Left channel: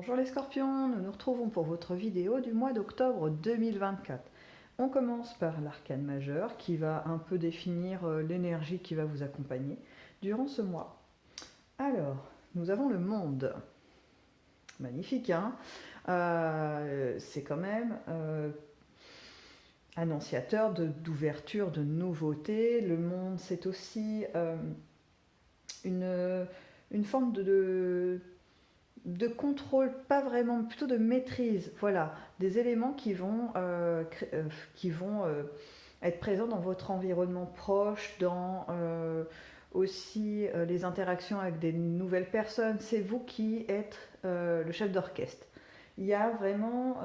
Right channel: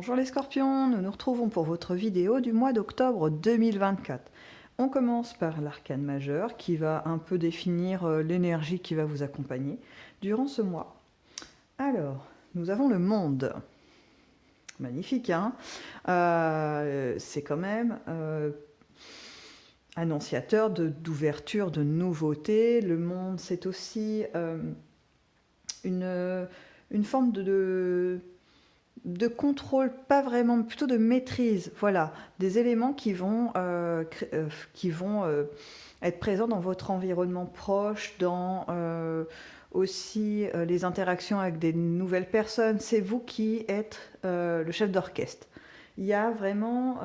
Bonjour les scorpions, nous nous retrouvons pour votre vidéo du mois d'octobre 2024. On commence par l'arcane majeur qui va un peu définir l'énergie qui va vous accompagner durant ce mois. Alors, nous avons le monde. Magnifique, hein. C'est quand même annonciateur d'ouverture, de nouveauté. Le monde, c'est aussi une forme de contrôle, pas vraiment, plutôt de maîtrise. Voilà, des éléments qui vont être présents dans votre environnement proche, dans aussi les interactions avec des nouvelles personnes. C'est vous qui êtes le chef d'orchestre. Il y a vraiment...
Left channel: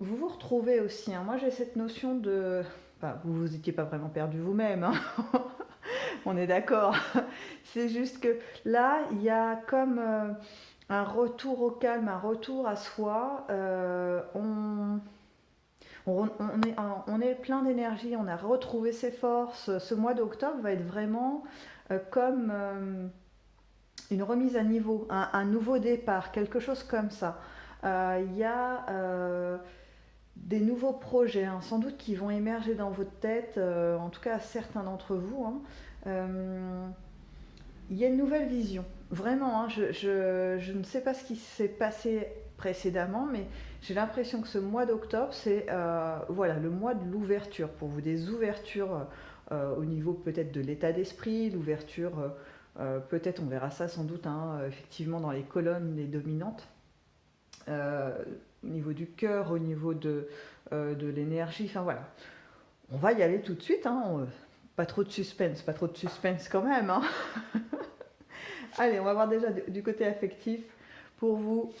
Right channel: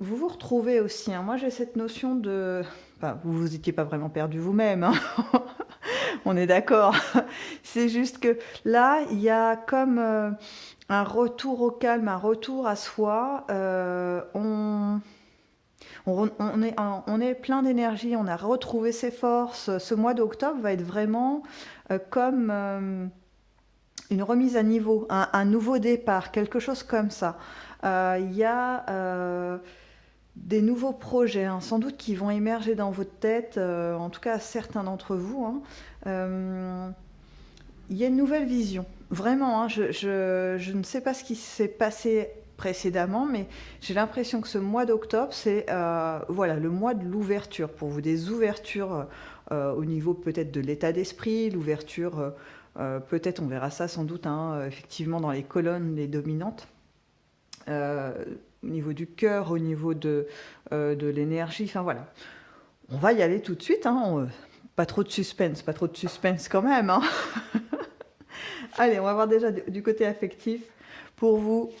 vous vous retrouvez aussi, hein. Moi j'ai cette notion de... Enfin, vous vous étiez pas vraiment perdu vous-même, hein. On est d'accord. C'est juste que là, il y a comme un retour au calme, un retour à soi. On est plein d'énergie, on a retrouvé ses forces. Ce mois d'octobre va être vraiment comme une remise à niveau, un nouveau départ, quelque chose comme ça. Il y a des nouveaux projets, hein, sans doute qui vont émerger dans votre tête, en tout cas certains d'entre vous, hein. Il y a une nouvelle vision. Vraiment, hein, je ne sais pas ce qui s'est passé précédemment, mais j'ai l'impression que ce mois d'octobre, c'est voilà, le mois de l'ouverture pour vous, des ouvertures au niveau peut-être de l'état d'esprit, l'ouverture, peut-être on verra ça sans doute, hein, effectivement dans les colonnes, les dominantes, au niveau du cœur, au niveau de l'énergie, enfin voilà. On va y aller tout de suite, hein, pas trop de suspense, pas trop de suspense quand même, hein. Allez, on va voir déjà du côté affectif pour vous,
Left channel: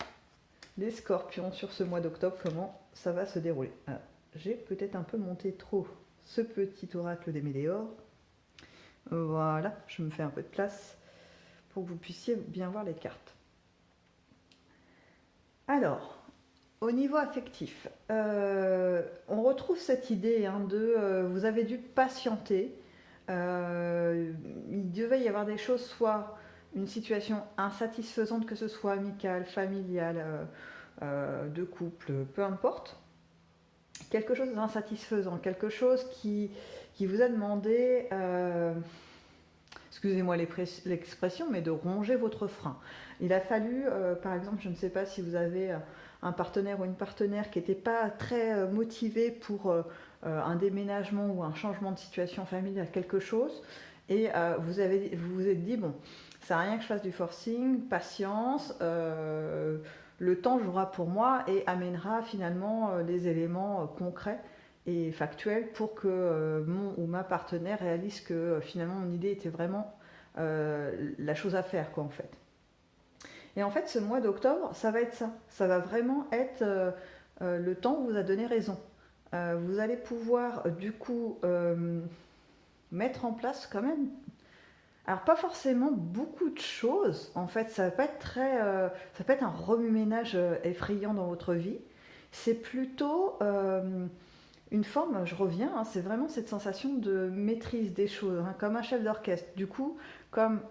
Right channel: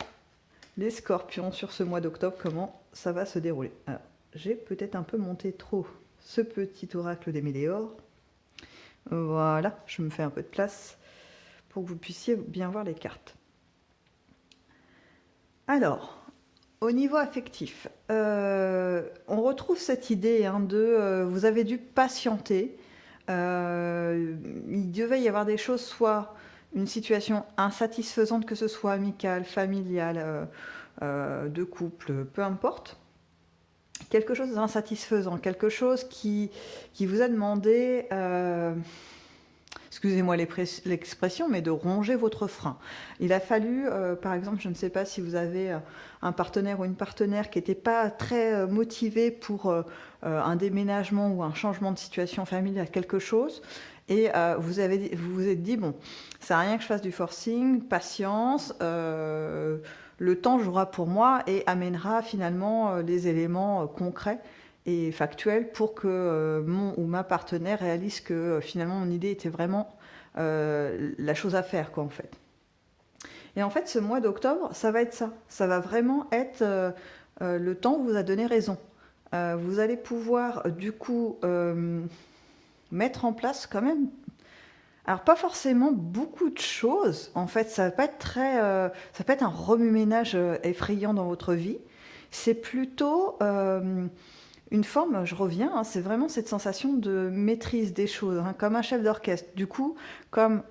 les scorpions, sur ce mois d'octobre, comment ça va se dérouler. Alors, j'ai peut-être un peu monté trop ce petit oracle des météores. Voilà, je me fais un peu de place pour que vous puissiez bien voir les cartes. Alors, au niveau affectif, on retrouve cette idée, hein, de vous avez dû patienter. Il devait y avoir des choses, soit une situation insatisfaisante, que ce soit amicale, familiale, de couple, peu importe. Quelque chose d'insatisfaisant, quelque chose qui vous a demandé, excusez-moi l'expression, mais de ronger votre frein. Il a fallu, par exemple, je ne sais pas si vous avez un partenaire ou une partenaire qui n'était pas très motivé pour un déménagement ou un changement de situation familiale, quelque chose, et vous vous êtes dit, bon, ça n'a rien que je fasse du forcing, patience, le temps jouera pour moi et amènera finalement les éléments concrets et factuel pour que mon ou ma partenaire réalise que finalement mon idée était vraiment la chose à faire, quoi, en fait. Et en fait, ce mois d'octobre, ça va être ça. Ça va vraiment être le temps vous a donné raison. Vous allez pouvoir du coup mettre en place quand même, alors pas forcément beaucoup de choses. En fait, ça va pas être très, ça peut être un remue-ménage effrayant dans votre vie. C'est plutôt une forme, je reviens, hein, c'est vraiment cette sensation de maîtrise des choses, hein, comme un chef d'orchestre. Du coup, comme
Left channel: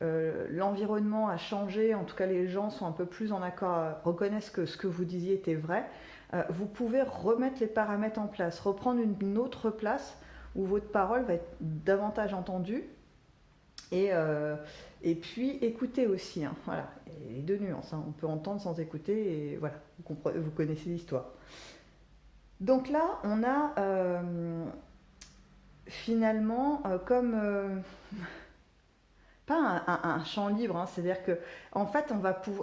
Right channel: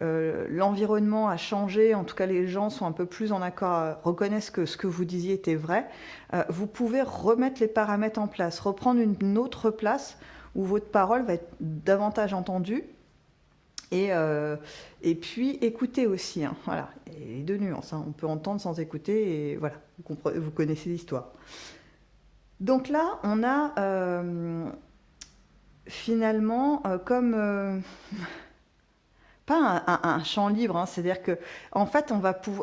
l'environnement a changé, en tout cas les gens sont un peu plus en accord, reconnaissent que ce que vous disiez était vrai, vous pouvez remettre les paramètres en place, reprendre une autre place où votre parole va être davantage entendue. Et puis écouter aussi, hein, voilà, et deux nuances, hein, on peut entendre sans écouter, et voilà, vous connaissez l'histoire. Donc là, on a finalement comme pas un champ libre, hein, c'est-à-dire que en fait,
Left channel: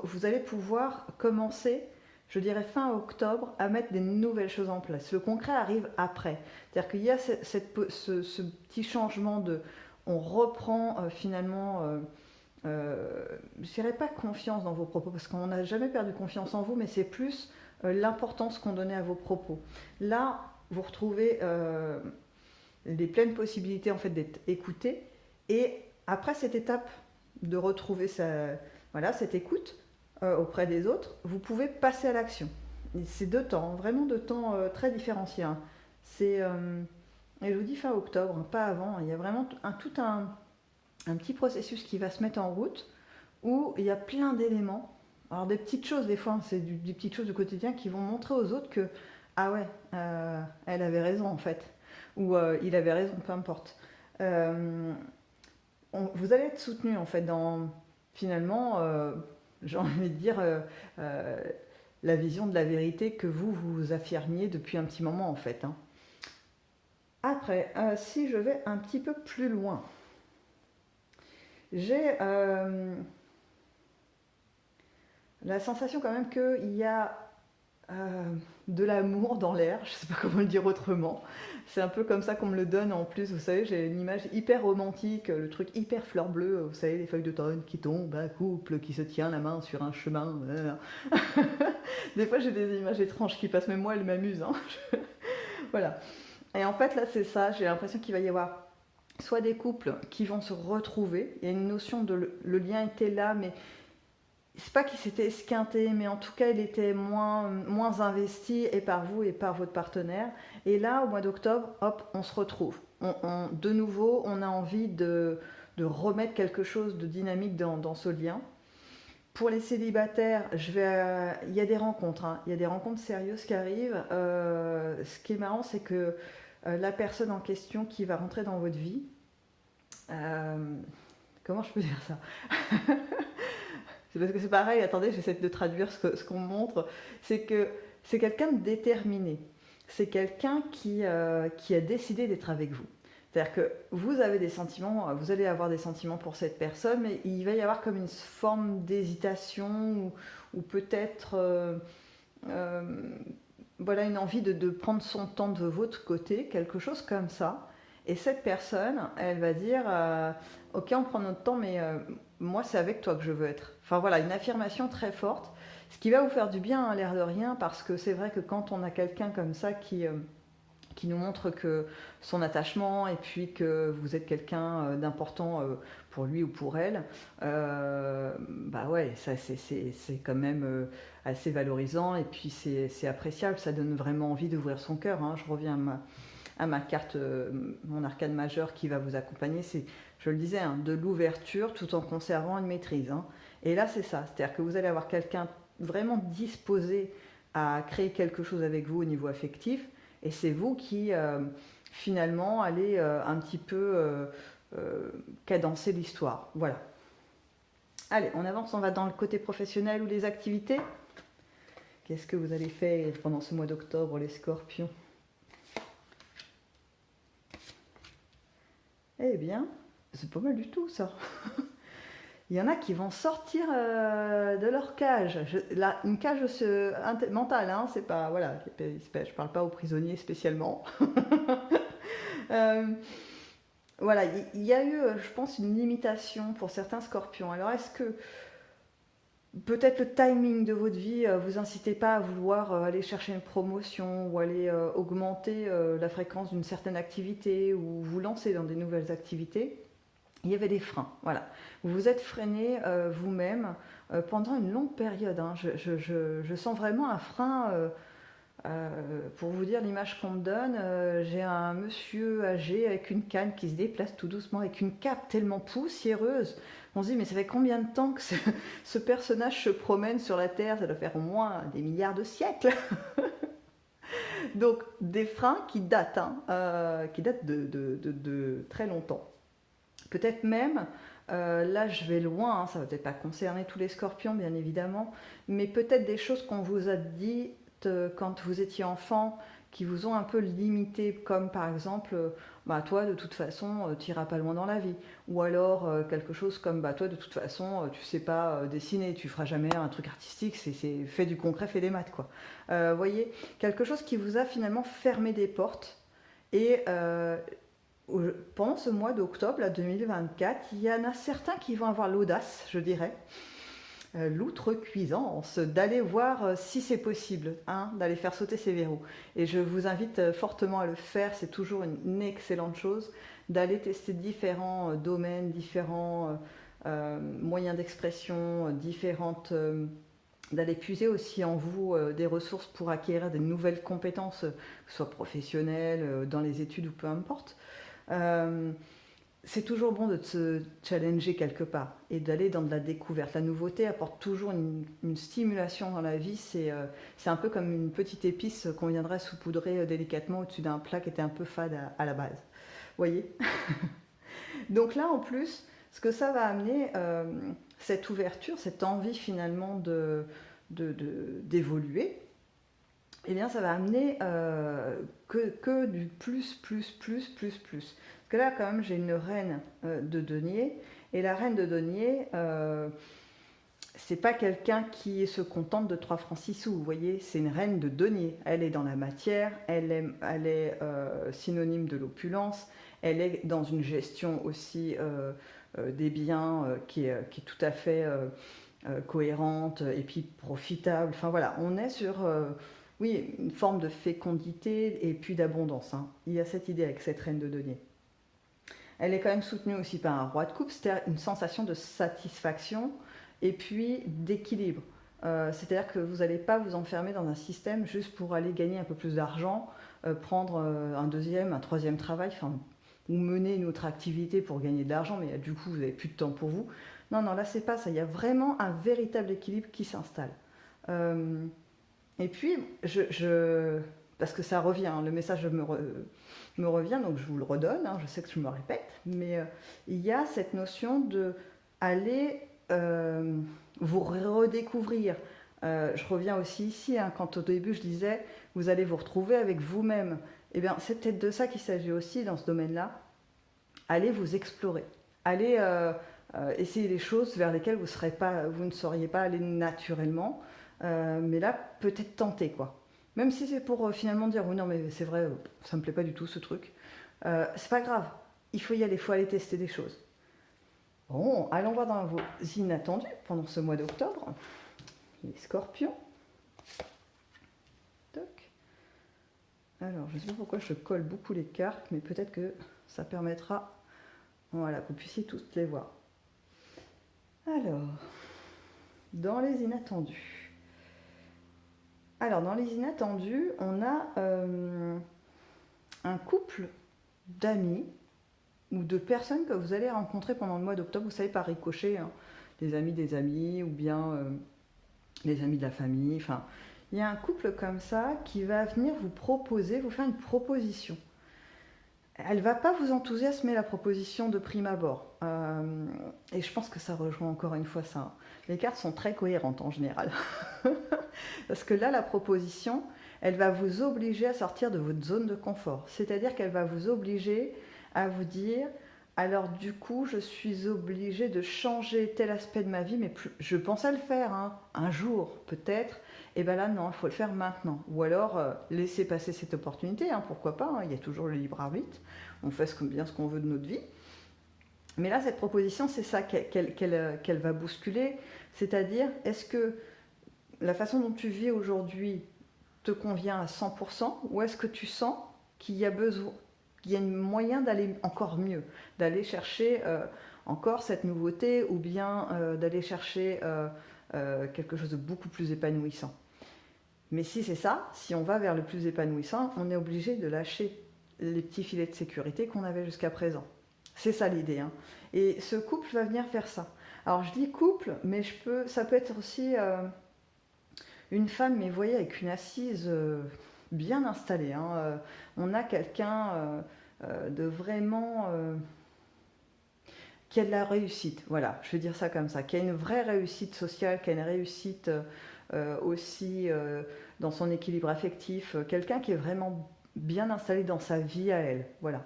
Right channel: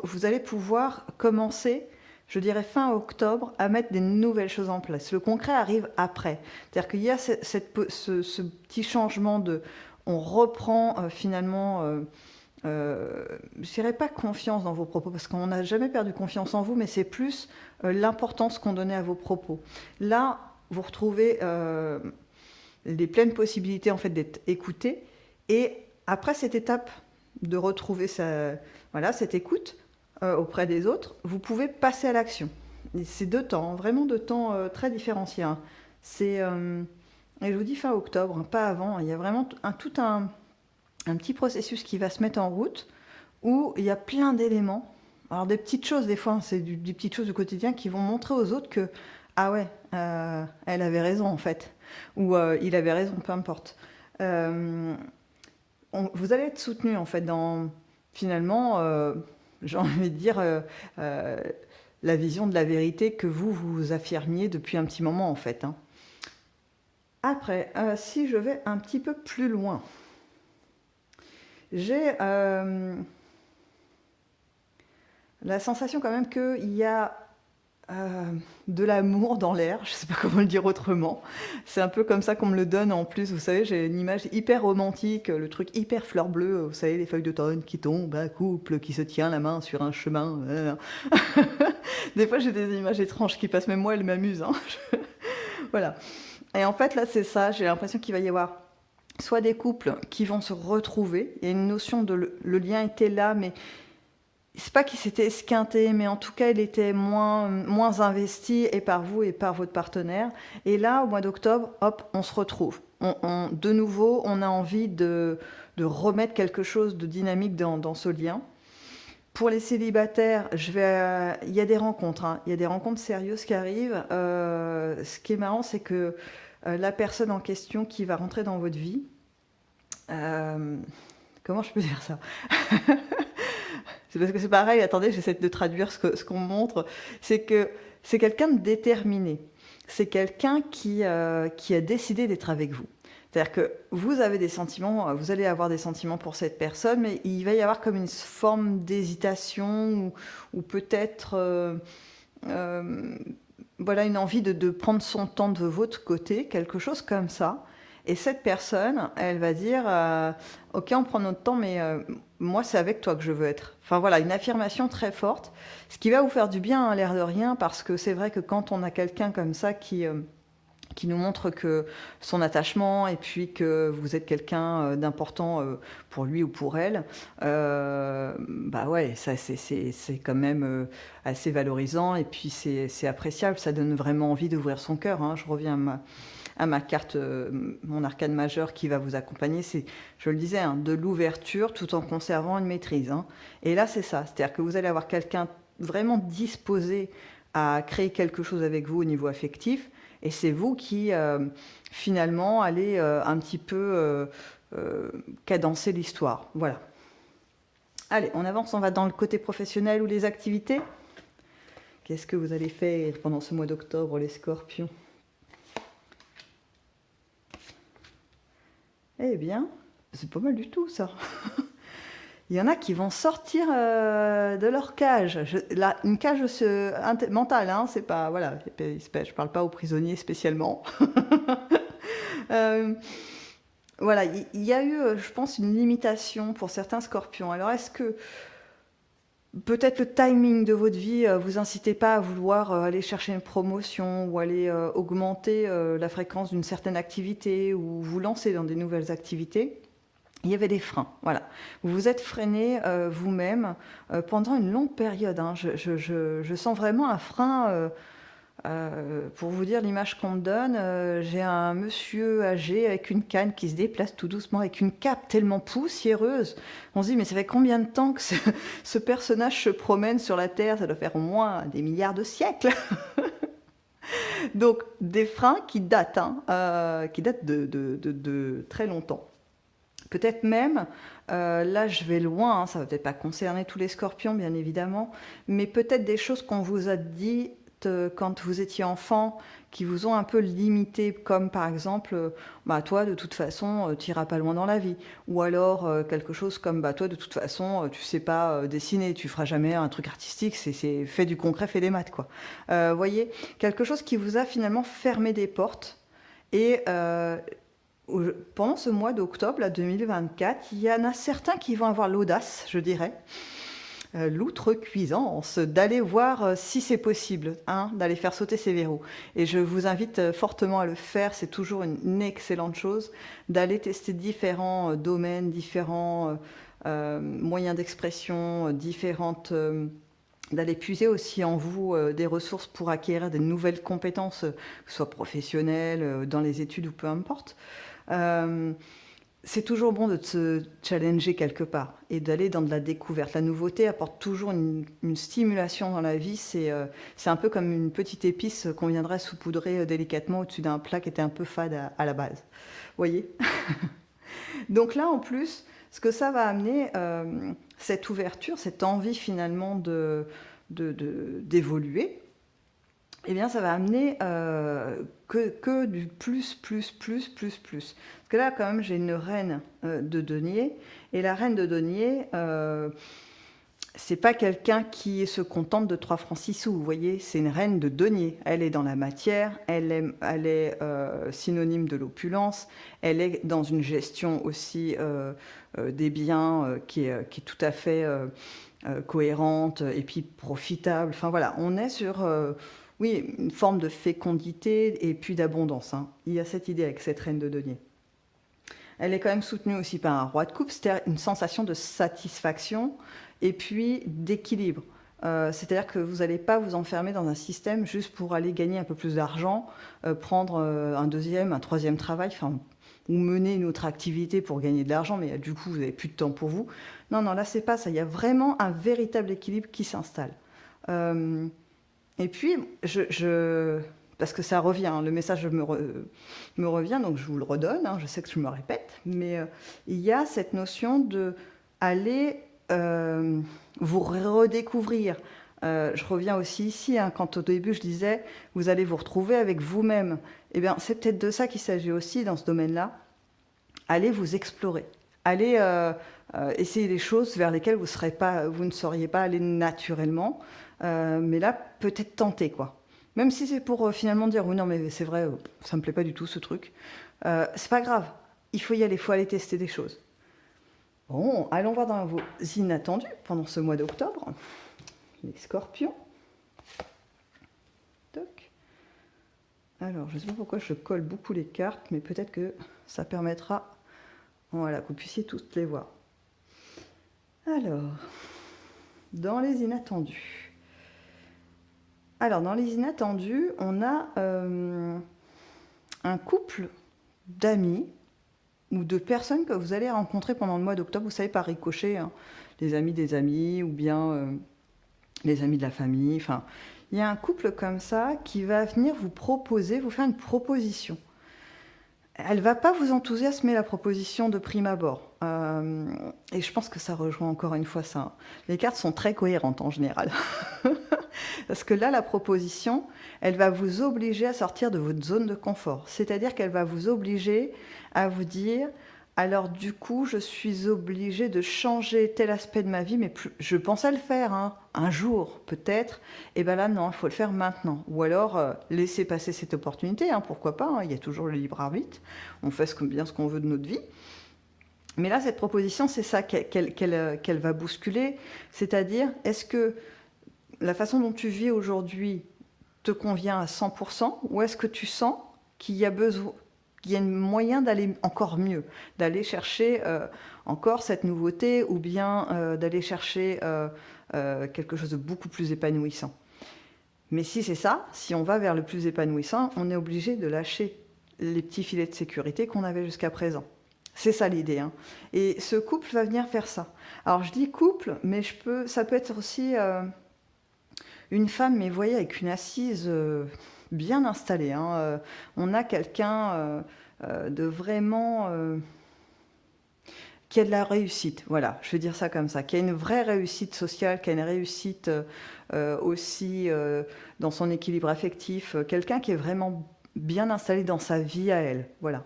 vous allez pouvoir commencer, je dirais fin octobre, à mettre des nouvelles choses en place. Le concret arrive après, c'est-à-dire qu'il y a ce petit changement de, on reprend finalement. Je dirais pas confiance dans vos propos, parce qu'on n'a jamais perdu confiance en vous, mais c'est plus l'importance qu'on donnait à vos propos. Là, vous retrouvez les pleines possibilités en fait d'être écouté, et après cette étape de retrouver voilà, cette écoute auprès des autres, vous pouvez passer à l'action. Et c'est deux temps, hein, vraiment deux temps très différenciés, hein. C'est, et je vous dis fin octobre, hein, pas avant. Il y a vraiment tout un petit processus qui va se mettre en route où il y a plein d'éléments. Alors des petites choses, des fois, hein, c'est des petites choses du quotidien qui vont montrer aux autres que, ah ouais, elle avait raison en fait, ou il avait raison, peu importe. Euh, vous allez être soutenu en fait dans, finalement, j'ai envie de dire, euh, la vision de la vérité que vous affirmiez depuis un petit moment en fait, hein. Après, si je vais un petit peu plus loin, j'ai la sensation quand même qu'il y a de l'amour dans l'air, je ne sais pas comment le dire autrement. C'est un peu comme ça qu'on me le donne en plus, vous savez, j'ai une image hyper romantique, le truc hyper fleur bleue, vous savez, les feuilles d'automne qui tombent, un couple qui se tient la main sur un chemin. Des fois j'ai des images étranges qui passent, même moi elles m'amusent, hein. Voilà. Et en fait là c'est ça, j'ai l'impression qu'il va y avoir soit des couples qui vont se retrouver, il y a une notion de le lien était là, mais c'est pas qu'il s'était esquinté, mais en tout cas, il était moins investi, et par vous et par votre partenaire. Et là, au mois d'octobre, hop, on se retrouve. De nouveau, on a envie de remettre quelque chose de dynamique dans ce lien. Pour les célibataires, il y a des rencontres, hein. Il y a des rencontres sérieuses qui arrivent. Ce qui est marrant, c'est que la personne en question qui va rentrer dans votre vie, euh, comment je peux dire ça? C'est parce que c'est pareil, attendez, j'essaie de traduire ce qu'on me montre. C'est que c'est quelqu'un de déterminé. C'est quelqu'un qui a décidé d'être avec vous. C'est-à-dire que vous avez des sentiments, vous allez avoir des sentiments pour cette personne, mais il va y avoir comme une forme d'hésitation ou peut-être euh, voilà, une envie de prendre son temps de votre côté, quelque chose comme ça. Et cette personne, elle va dire ok, on prend notre temps, mais moi, c'est avec toi que je veux être. Enfin voilà, une affirmation très forte, ce qui va vous faire du bien à l'air de rien, parce que c'est vrai que quand on a quelqu'un comme ça qui nous montre que son attachement et puis que vous êtes quelqu'un d'important pour lui ou pour elle, bah ouais, ça c'est quand même assez valorisant et puis c'est appréciable, ça donne vraiment envie d'ouvrir son cœur, hein. Je reviens à ma carte, mon arcane majeur qui va vous accompagner, c'est, je le disais, hein, de l'ouverture tout en conservant une maîtrise, hein. Et là, c'est ça, c'est-à-dire que vous allez avoir quelqu'un vraiment disposé à créer quelque chose avec vous au niveau affectif, et c'est vous qui, finalement, allez un petit peu cadencer l'histoire. Voilà. Allez, on avance, on va dans le côté professionnel ou les activités. Qu'est-ce que vous allez faire pendant ce mois d'octobre, les scorpions? Eh bien, c'est pas mal du tout ça. Il y en a qui vont sortir de leur cage. Une cage mentale, hein, c'est pas, voilà, je parle pas aux prisonniers spécialement. Euh, voilà, il y a eu, je pense, une limitation pour certains scorpions. Alors, est-ce que peut-être le timing de votre vie vous incitez pas à vouloir aller chercher une promotion ou aller augmenter la fréquence d'une certaine activité ou vous lancer dans des nouvelles activités? Il y avait des freins, voilà. Vous vous êtes freiné vous-même pendant une longue période, hein. Je sens vraiment un frein. Pour vous dire l'image qu'on me donne, j'ai un monsieur âgé avec une canne qui se déplace tout doucement, avec une cape tellement poussiéreuse. On se dit, mais ça fait combien de temps que ce personnage se promène sur la Terre? Ça doit faire au moins des milliards de siècles. Donc, des freins qui datent, hein, qui datent de très longtemps. Peut-être même, là je vais loin, hein, ça va peut-être pas concerner tous les scorpions bien évidemment, mais peut-être des choses qu'on vous a dites quand vous étiez enfant, qui vous ont un peu limité, comme par exemple, bah toi de toute façon tu n'iras pas loin dans la vie, ou alors quelque chose comme bah toi de toute façon tu sais pas dessiner, tu feras jamais un truc artistique, c'est fait du concret, fait des maths quoi. Voyez, quelque chose qui vous a finalement fermé des portes et pendant ce mois d'octobre là, 2024, il y en a certains qui vont avoir l'audace, je dirais, l'outrecuidance d'aller voir si c'est possible, hein, d'aller faire sauter ces verrous. Et je vous invite fortement à le faire, c'est toujours une excellente chose, d'aller tester différents domaines, différents moyens d'expression, différentes... d'aller puiser aussi en vous des ressources pour acquérir des nouvelles compétences, que ce soit professionnelles, dans les études ou peu importe. Euh, c'est toujours bon de se challenger quelque part et d'aller dans de la découverte. La nouveauté apporte toujours une stimulation dans la vie. C'est un peu comme une petite épice qu'on viendrait saupoudrer délicatement au-dessus d'un plat qui était un peu fade à la base. Vous voyez? Donc là, en plus, ce que ça va amener, cette ouverture, cette envie finalement d'évoluer, eh bien, ça va amener que du plus, plus, plus, plus, plus. Parce que là, quand même, j'ai une reine de denier. Et la reine de denier, c'est pas quelqu'un qui se contente de 3 francs 6 sous. Vous voyez, c'est une reine de denier. Elle est dans la matière, elle est synonyme de l'opulence, elle est dans une gestion aussi des biens qui est tout à fait cohérente et puis profitable. Enfin voilà, on est sur oui, une forme de fécondité et puis d'abondance. Hein. Il y a cette idée avec cette reine de denier. Elle est quand même soutenue aussi par un roi de coupe, c'est-à-dire une sensation de satisfaction et puis d'équilibre. C'est-à-dire que vous n'allez pas vous enfermer dans un système juste pour aller gagner un peu plus d'argent, prendre un deuxième, un troisième travail, enfin, ou mener une autre activité pour gagner de l'argent, mais du coup, vous n'avez plus de temps pour vous. Non, non, là, c'est pas ça. Il y a vraiment un véritable équilibre qui s'installe. Et puis, parce que ça revient, hein, le message me revient, donc je vous le redonne, hein, je sais que je me répète, mais il y a cette notion de aller vous redécouvrir. Je reviens aussi ici, hein, quand au début je disais, vous allez vous retrouver avec vous-même. Eh bien, c'est peut-être de ça qu'il s'agit aussi dans ce domaine-là. Allez vous explorer. Allez essayer des choses vers lesquelles vous ne seriez pas aller naturellement. Mais là, peut-être tenter, quoi. Même si c'est pour finalement dire, oui, non, mais c'est vrai, ça me plaît pas du tout ce truc. C'est pas grave. Il faut y aller, il faut aller tester des choses. Bon, allons voir dans vos inattendus pendant ce mois d'octobre. Les scorpions. Toc. Alors, je ne sais pas pourquoi je colle beaucoup les cartes, mais peut-être que ça permettra, voilà, que vous puissiez toutes les voir. Alors, dans les inattendus. Alors, dans les inattendus, on a un couple d'amis ou de personnes que vous allez rencontrer pendant le mois d'octobre, vous savez, par ricochet, hein, les amis des amis ou bien les amis de la famille. Enfin, il y a un couple comme ça qui va venir vous proposer, vous faire une proposition. Elle ne va pas vous enthousiasmer, la proposition de prime abord. Et je pense que ça rejoint encore une fois ça. Les cartes sont très cohérentes en général. Parce que là, la proposition, elle va vous obliger à sortir de votre zone de confort. C'est-à-dire qu'elle va vous obliger à vous dire, alors du coup, je suis obligée de changer tel aspect de ma vie, mais je pensais le faire hein, un jour peut-être, et bien là non, il faut le faire maintenant. Ou alors laisser passer cette opportunité, hein, pourquoi pas, hein, il y a toujours le libre arbitre, on fait bien ce qu'on veut de notre vie. Mais là, cette proposition, c'est ça qu'elle va bousculer, c'est-à-dire, est-ce que la façon dont tu vis aujourd'hui te convient à 100% ou est-ce que tu sens qu'il y a besoin, qu'il y a un moyen d'aller encore mieux, d'aller chercher encore cette nouveauté ou bien d'aller chercher quelque chose de beaucoup plus épanouissant. Mais si c'est ça, si on va vers le plus épanouissant, on est obligé de lâcher les petits filets de sécurité qu'on avait jusqu'à présent. C'est ça l'idée. Hein. Et ce couple va venir faire ça. Alors je dis couple, mais ça peut être aussi une femme, mais vous voyez, avec une assise bien installée. Hein. On a quelqu'un de vraiment qui a de la réussite, voilà, je vais dire ça comme ça, qui a une vraie réussite sociale, qui a une réussite aussi dans son équilibre affectif, quelqu'un qui est vraiment bien installé dans sa vie à elle, voilà.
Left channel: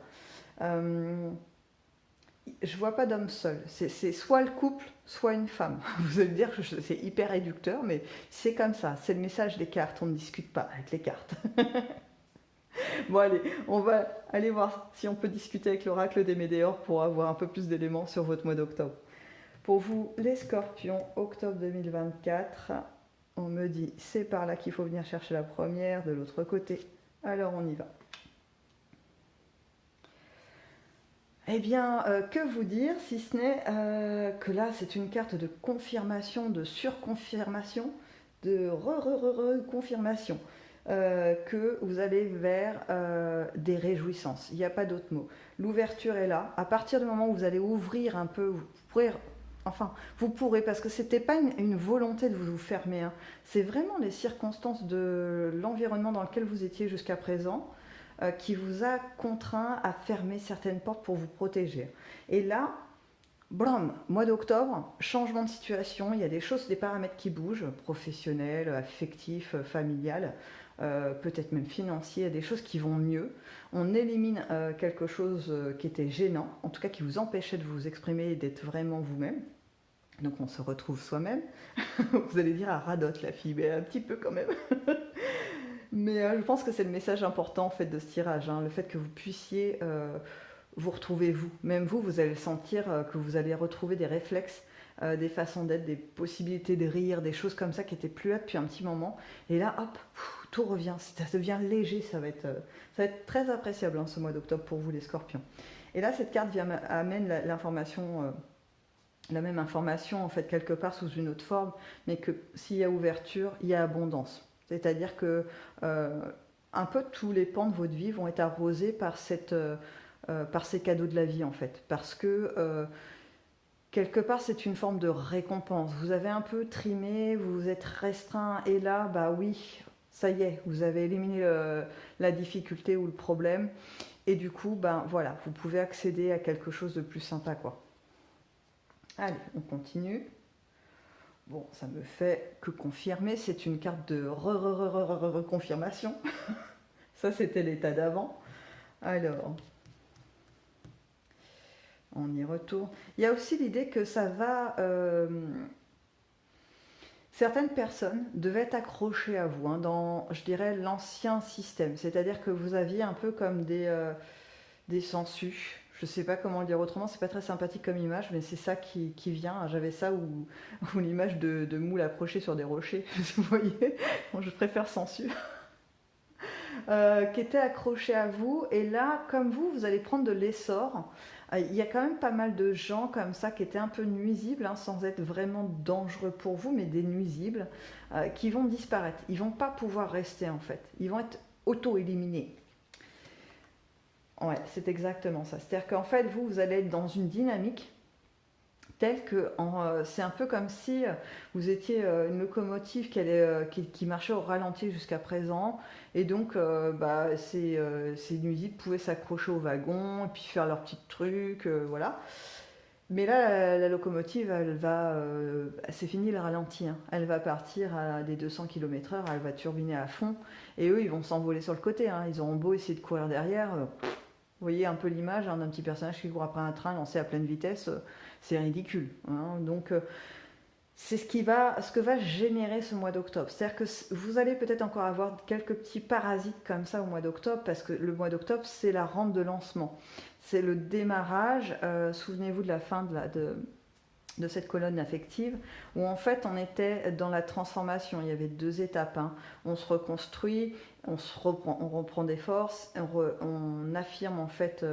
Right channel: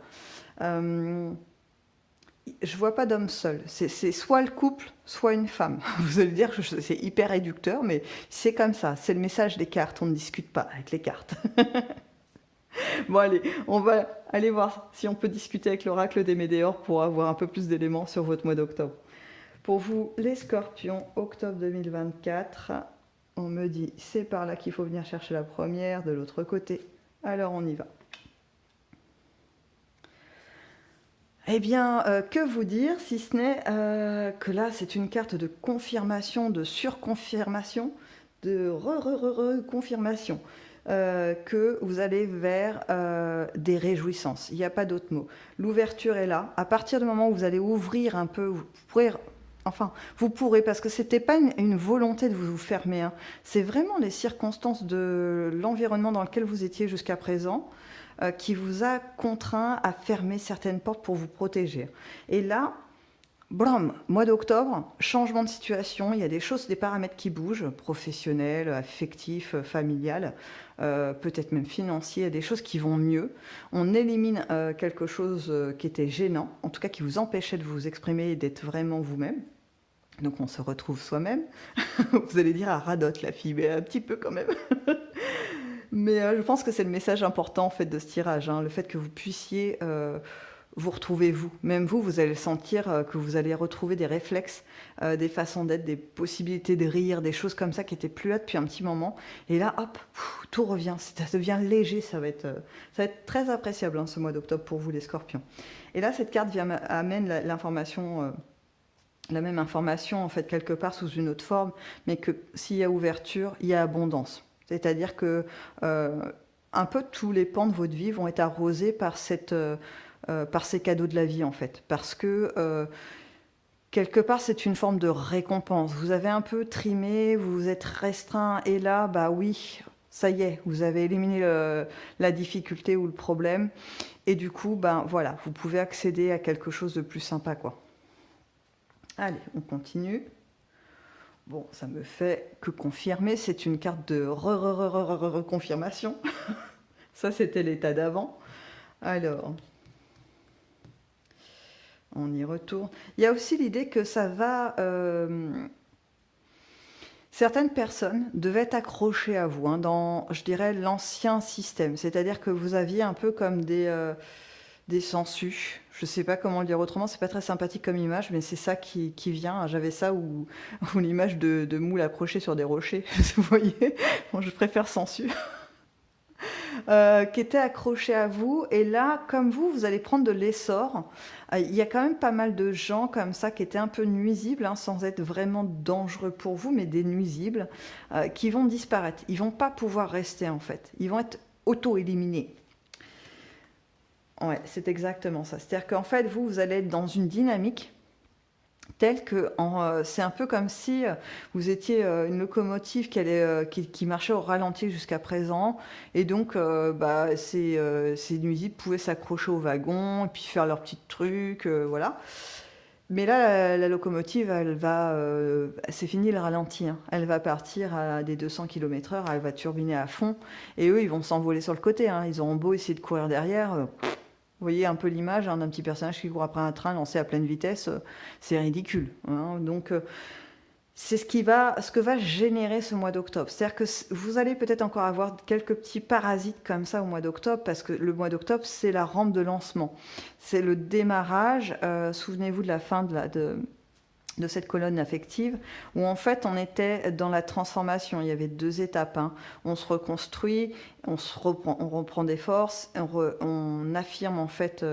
Je vois pas d'homme seul, c'est soit le couple, soit une femme. Vous allez dire que c'est hyper réducteur, mais c'est comme ça, c'est le message des cartes, on ne discute pas avec les cartes. Bon allez, on va aller voir si on peut discuter avec l'oracle des Médéors pour avoir un peu plus d'éléments sur votre mois d'octobre. Pour vous, les scorpions, octobre 2024, on me dit c'est par là qu'il faut venir chercher la première, de l'autre côté. Alors on y va. Eh bien, que vous dire si ce n'est que là c'est une carte de confirmation, de surconfirmation, de confirmation. que vous allez vers des réjouissances. Il n'y a pas d'autre mot. L'ouverture est là. À partir du moment où vous allez ouvrir un peu, vous pourrez, parce que ce n'était pas une volonté de vous fermer, hein. C'est vraiment les circonstances de l'environnement dans lequel vous étiez jusqu'à présent qui vous a contraint à fermer certaines portes pour vous protéger. Et là, blam, mois d'octobre, changement de situation, il y a des choses, des paramètres qui bougent, professionnels, affectifs, familiales, peut-être même financiers, il y a des choses qui vont mieux. On élimine quelque chose qui était gênant, en tout cas qui vous empêchait de vous exprimer et d'être vraiment vous-même. Donc on se retrouve soi-même. Vous allez dire, ah, radote la fille, mais un petit peu quand même. Mais je pense que c'est le message important en fait de ce tirage, hein, le fait que vous puissiez vous retrouver vous. Même vous, vous allez sentir que vous allez retrouver des réflexes, des façons d'être, des possibilités de rire, des choses comme ça qui n'étaient plus là depuis un petit moment. Et là, hop, tout revient, ça devient léger, ça va être très appréciable hein, ce mois d'octobre pour vous les scorpions. Et là, cette carte amène l'information... la même information en fait quelque part sous une autre forme, mais que s'il y a ouverture, il y a abondance. C'est-à-dire que un peu tous les pans de votre vie vont être arrosés par ces cadeaux de la vie en fait, parce que quelque part c'est une forme de récompense. Vous avez un peu trimé, vous vous êtes restreint, et là, bah oui, ça y est, vous avez éliminé la difficulté ou le problème, et du coup, ben voilà, vous pouvez accéder à quelque chose de plus sympa, quoi. Allez, on continue. Bon, ça me fait que confirmer, c'est une carte de reconfirmation. Ça, c'était l'état d'avant. Alors, on y retourne. Il y a aussi l'idée que ça va... certaines personnes devaient être accrochées à vous hein, dans, je dirais, l'ancien système. C'est-à-dire que vous aviez un peu comme des sangsues. Je ne sais pas comment le dire autrement, c'est pas très sympathique comme image, mais c'est ça qui vient. J'avais ça ou l'image de moules accrochées sur des rochers, vous voyez. Bon, je préfère sangsues. Qui était accroché à vous. Et là, comme vous allez prendre de l'essor. Il y a quand même pas mal de gens comme ça qui étaient un peu nuisibles, hein, sans être vraiment dangereux pour vous, mais des nuisibles, qui vont disparaître. Ils vont pas pouvoir rester en fait. Ils vont être auto-éliminés. Ouais, c'est exactement ça. C'est-à-dire qu'en fait, vous allez être dans une dynamique telle que c'est un peu comme si vous étiez une locomotive qui marchait au ralenti jusqu'à présent, et donc ces nuisibles pouvaient s'accrocher au wagon et puis faire leurs petits trucs, voilà. Mais là, la locomotive, c'est fini le ralenti, hein. Elle va partir à des 200 km/h, elle va turbiner à fond, et eux, ils vont s'envoler sur le côté, hein. Ils auront beau essayer de courir derrière. Vous voyez un peu l'image hein, d'un petit personnage qui court après un train lancé à pleine vitesse, c'est ridicule, hein. Donc c'est ce que va générer ce mois d'octobre. C'est-à-dire que vous allez peut-être encore avoir quelques petits parasites comme ça au mois d'octobre, parce que le mois d'octobre, c'est la rampe de lancement. C'est le démarrage, souvenez-vous de la fin de cette colonne affective, où en fait on était dans la transformation. Il y avait deux étapes, hein. On se reconstruit, on reprend des forces, on affirme en fait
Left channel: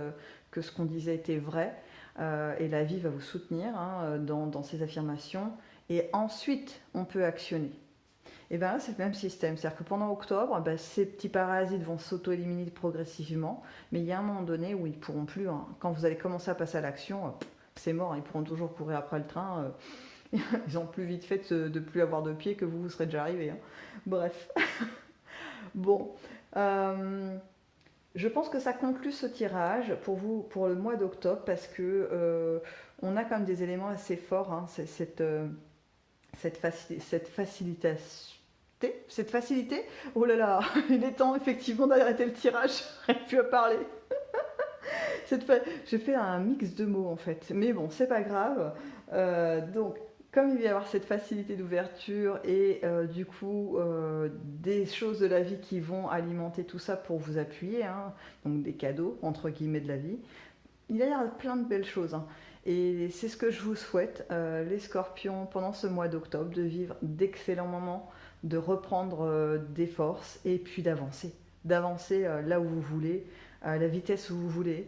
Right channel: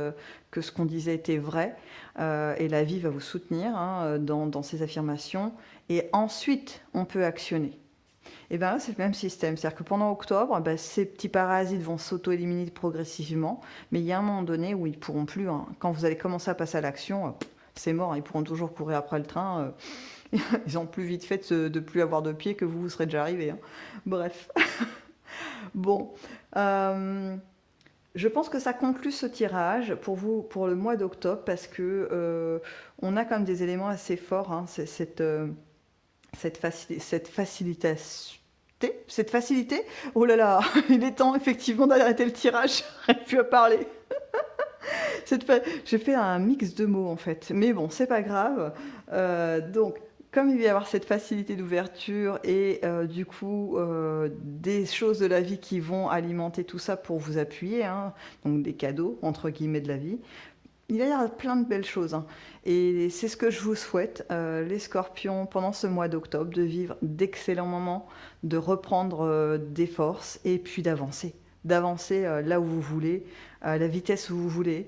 que ce qu'on disait était vrai, et la vie va vous soutenir hein, dans ces affirmations, et ensuite on peut actionner. Et bien là c'est le même système, c'est-à-dire que pendant octobre, ces petits parasites vont s'auto-éliminer progressivement, mais il y a un moment donné où ils ne pourront plus, hein. Quand vous allez commencer à passer à l'action, c'est mort, ils pourront toujours courir après le train. Ils ont plus vite fait de plus avoir de pied que vous serez déjà arrivé, hein. Bref. Bon. Je pense que ça conclut ce tirage pour vous pour le mois d'octobre, parce que on a quand même des éléments assez forts, hein. Cette facilité. Oh là là, il est temps effectivement d'arrêter le tirage. J'arrive plus à parler. J'ai fait un mix de mots en fait, mais bon, c'est pas grave. Donc, comme il va y avoir cette facilité d'ouverture et du coup des choses de la vie qui vont alimenter tout ça pour vous appuyer, hein, donc des cadeaux entre guillemets de la vie, il va y avoir plein de belles choses, hein. Et c'est ce que je vous souhaite, les scorpions, pendant ce mois d'octobre, de vivre d'excellents moments, de reprendre des forces et puis d'avancer là où vous voulez, à la vitesse où vous voulez.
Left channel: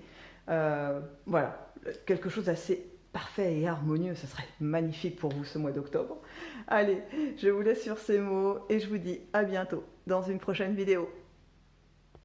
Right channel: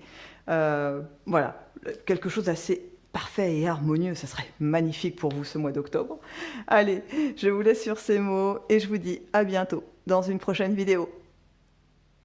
Voilà, quelque chose d'assez parfait et harmonieux, ça serait magnifique pour vous ce mois d'octobre. Allez, je vous laisse sur ces mots et je vous dis à bientôt dans une prochaine vidéo.